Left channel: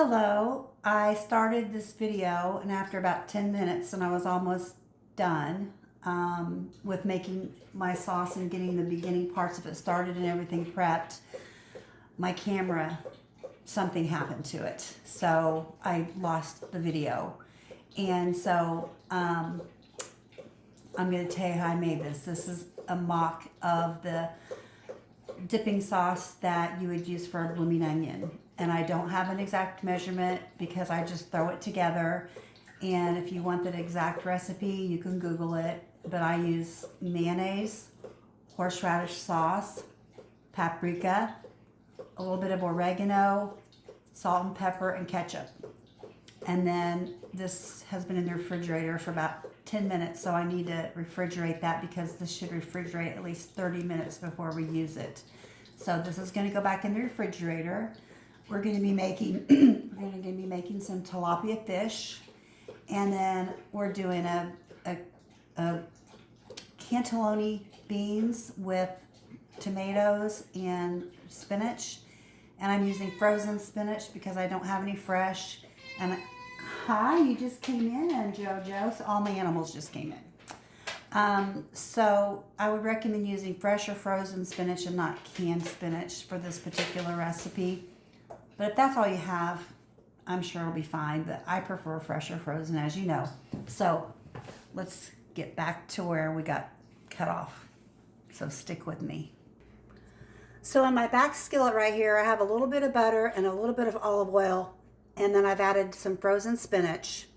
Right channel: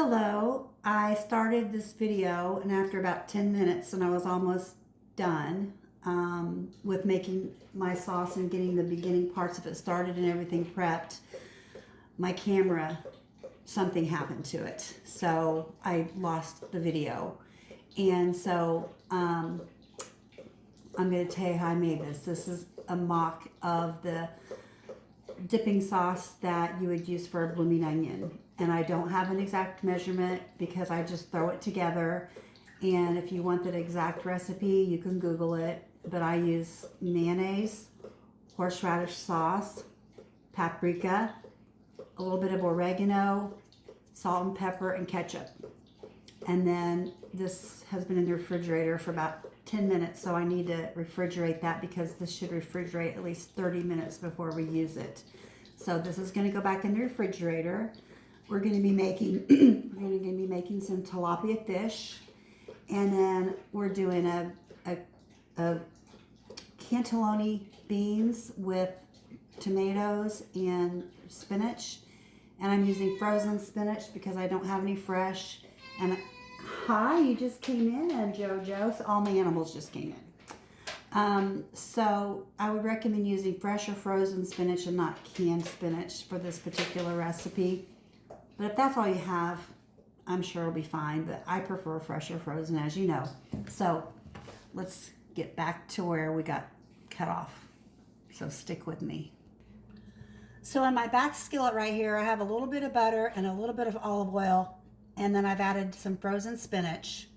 Hello, I started this video and after about 10 minutes and I was almost done with making my sauce and getting the beginning parts of it started and everything prepped. My camera, something happened to it. So I lost the video. And so I'm going to tell you how I made this. This is a mock of the dipping sauce that you would use for a blooming onion. And I don't have an exact measurement because I just throw it together. And if you want that exact recipe, you can Google it. But I use mayonnaise, horseradish sauce, paprika, a little bit of oregano, salt and pepper, and ketchup. And then this has been in the refrigerator for about 10 minutes, so I need to refrigerate that because this should refrigerate at least 30 minutes before we use it. So this is going to go back in the refrigerator. We're going to be making some tilapia fish, and then we're doing a cannellini beans with tomatoes and spinach, and I'm using frozen spinach because I don't have any fresh. And hi, you just came in, Jojo. So all my animals just came in. So I would recommend using fresh or frozen spinach and not canned spinach for this particular recipe. But if that's all you have, I'm sure it'll be fine. But I prefer fresh or frozen, as you know. So let's get back to where we got cut off. So stick with me. So in my back skillet right here, I have a little bit of butter and a little bit of olive oil. And then I've added some frozen spinach.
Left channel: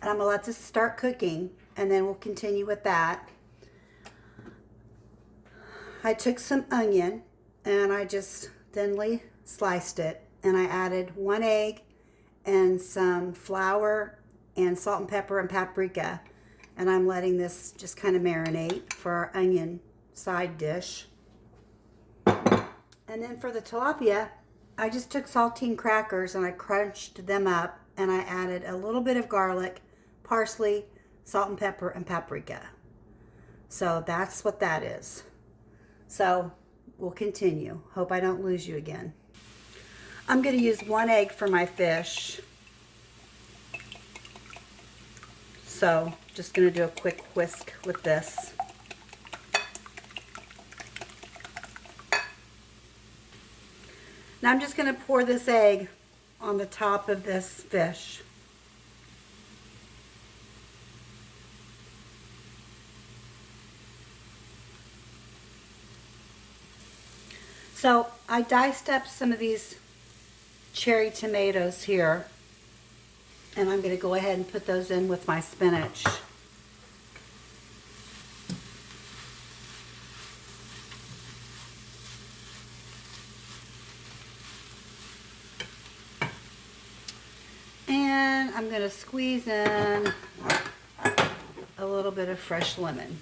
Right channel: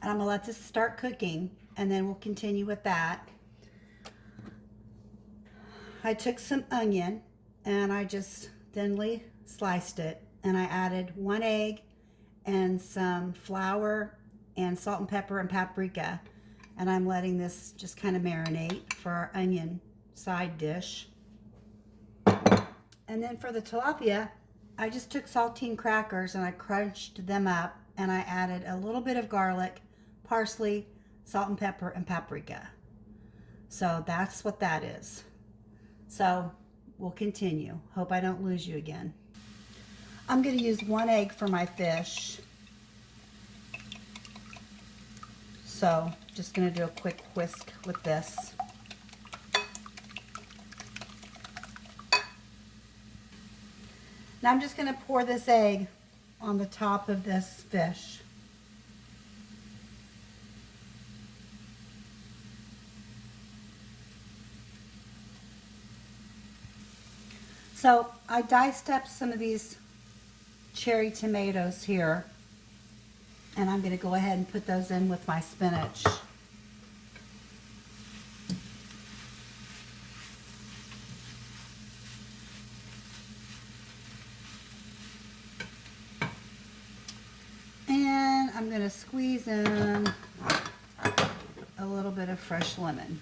And I'm going to let this start cooking, and then we'll continue with that. I took some onion, and I just thinly sliced it. And I added 1 egg and some flour and salt and pepper and paprika. And I'm letting this just kind of marinate for our onion side dish. And then for the tilapia, I just took saltine crackers and I crunched them up, and I added a little bit of garlic, parsley, salt and pepper, and paprika. So that's what that is. So we'll continue. Hope I don't lose you again. I'm going to use 1 egg for my fish. So just going to do a quick whisk with this. Now I'm just going to pour this egg on the top of this fish. So I diced up some of these cherry tomatoes here, and I'm going to go ahead and put those in with my spinach. And I'm going to squeeze in a little bit of fresh lemon.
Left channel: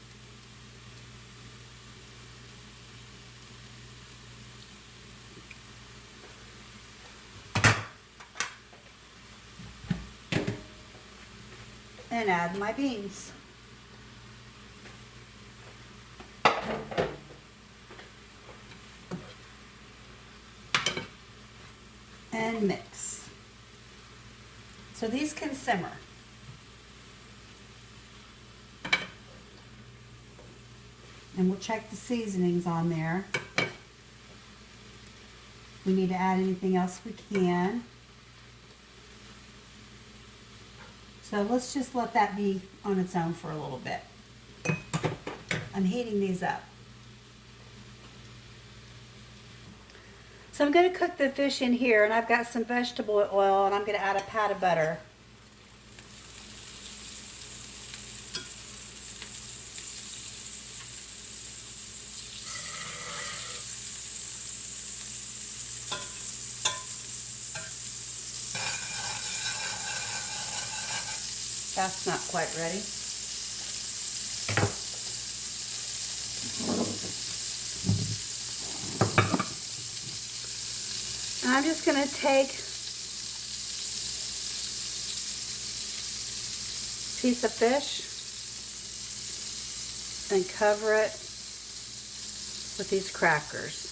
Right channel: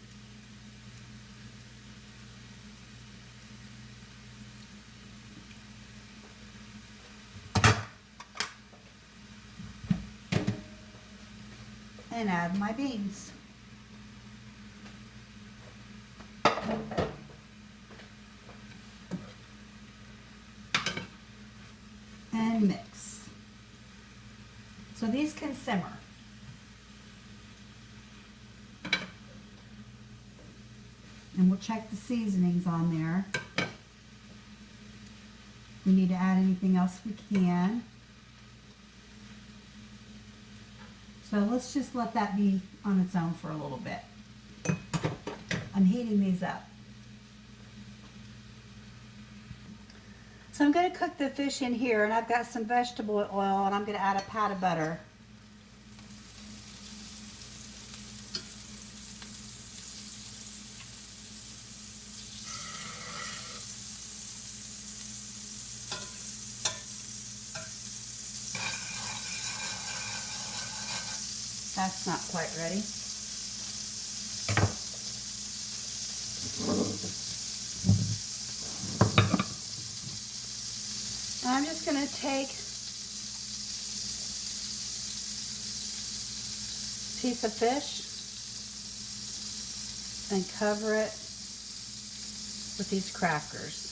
And add my beans. And mix. So these can simmer. And we'll check the seasonings on there. If we need to add anything else, we can. So let's just let that be on its own for a little bit. I'm heating these up. So I'm going to cook the fish in here, and I've got some vegetable oil, and I'm going to add a pat of butter. That's not quite ready. And I'm just going to take a piece of fish and cover it with these crackers.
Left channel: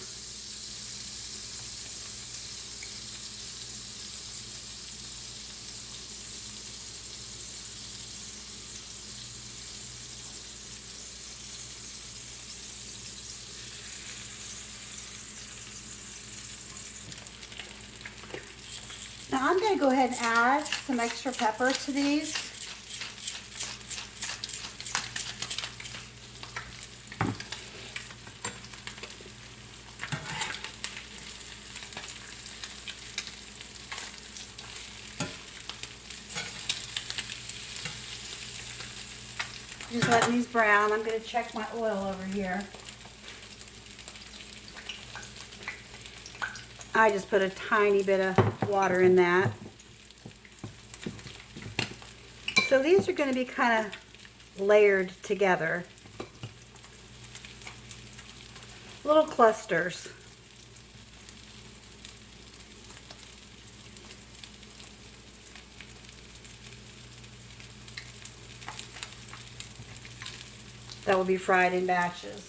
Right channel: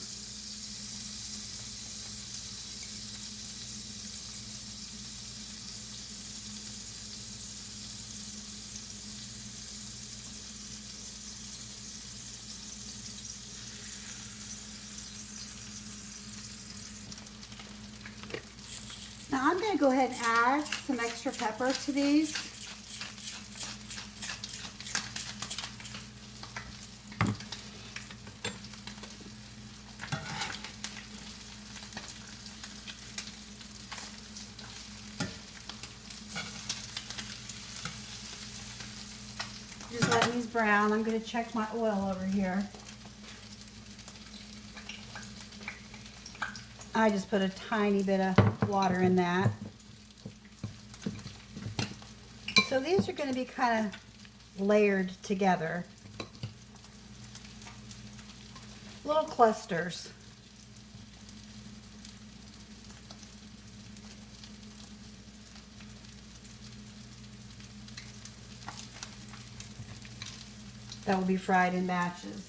Now I'm going to go ahead and add some extra pepper to these. Just letting these brown. I'm going to check my oil over here. I just put a tiny bit of water in that. So these are going to be kind of layered together. Little clusters. That will be fried in batches.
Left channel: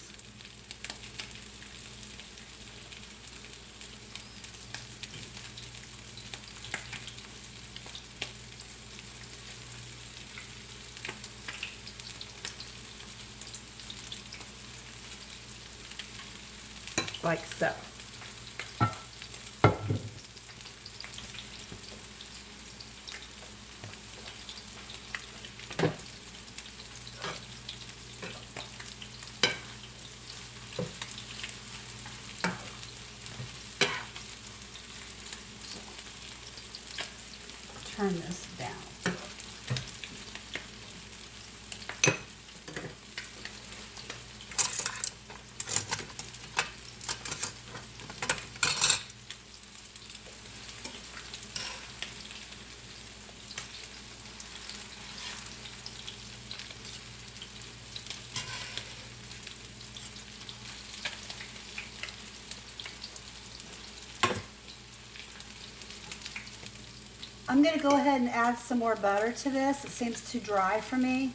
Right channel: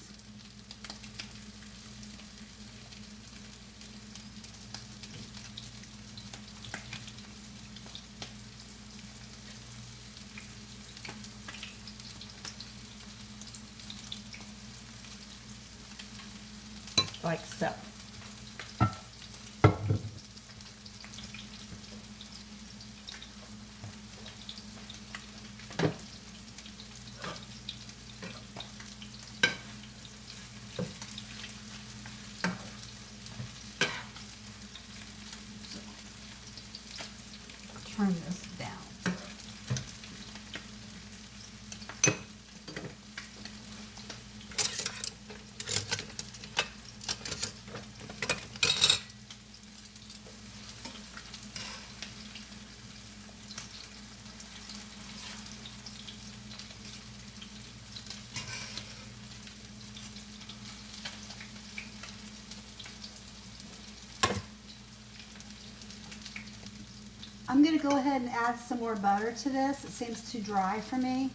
Like so. Turn this down. I'm going to go ahead and add some more butter to this. It seems too dry for me.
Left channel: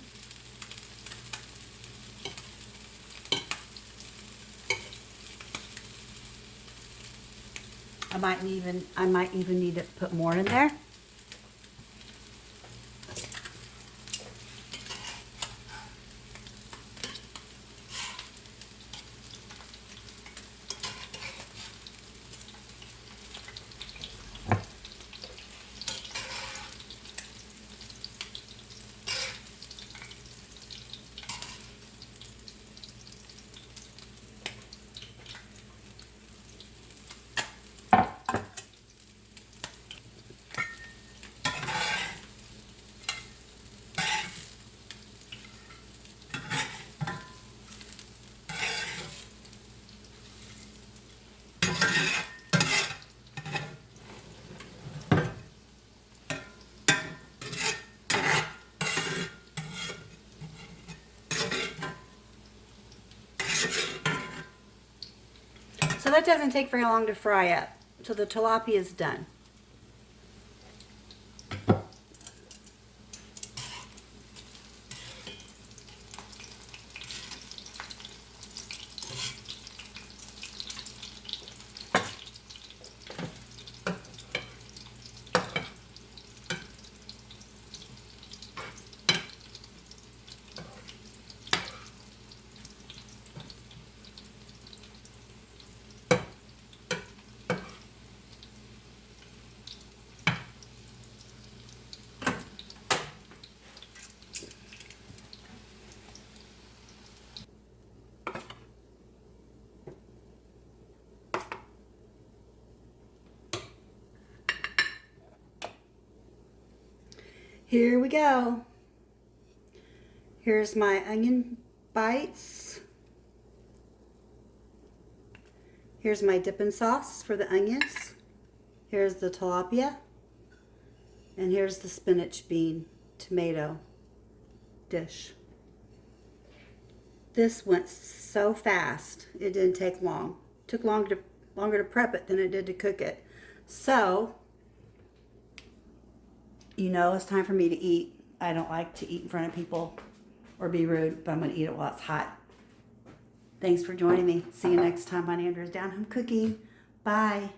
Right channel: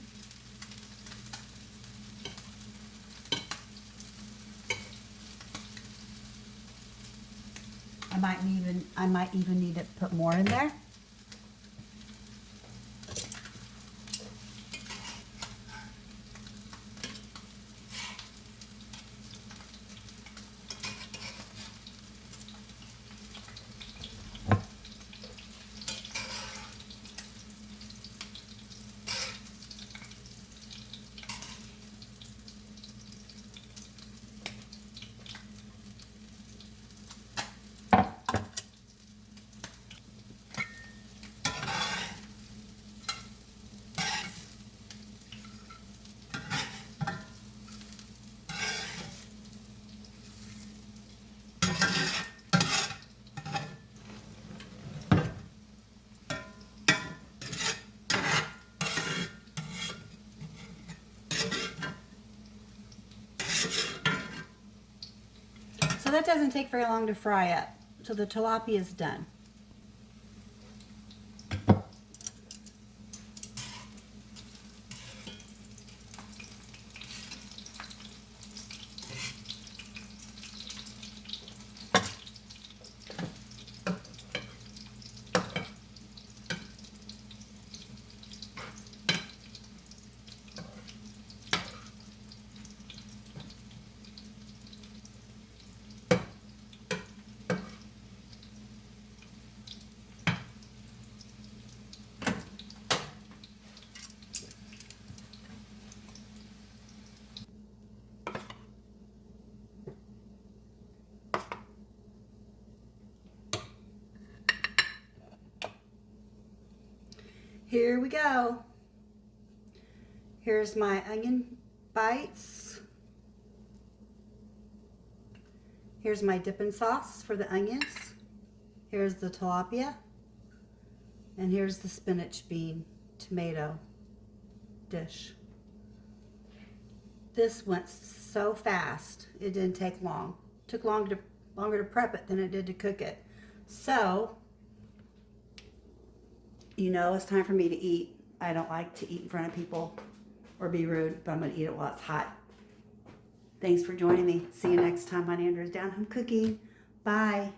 I might even need to put more in there. So that doesn't take very long to fry up. So the tilapia is done. Here we go. Here's my onion bites. Here's my dipping sauce for the onions. Here's the tilapia. And here's the spinach bean tomato dish. This went so fast. It didn't take long. It took longer to prep it than it did to cook it. So, you know, it's time for me to eat. I don't like to eat in front of people or be rude, but I'm going to eat it while it's hot. Thanks for joining me. See you next time on Andrew's Down Home Cooking. Bye.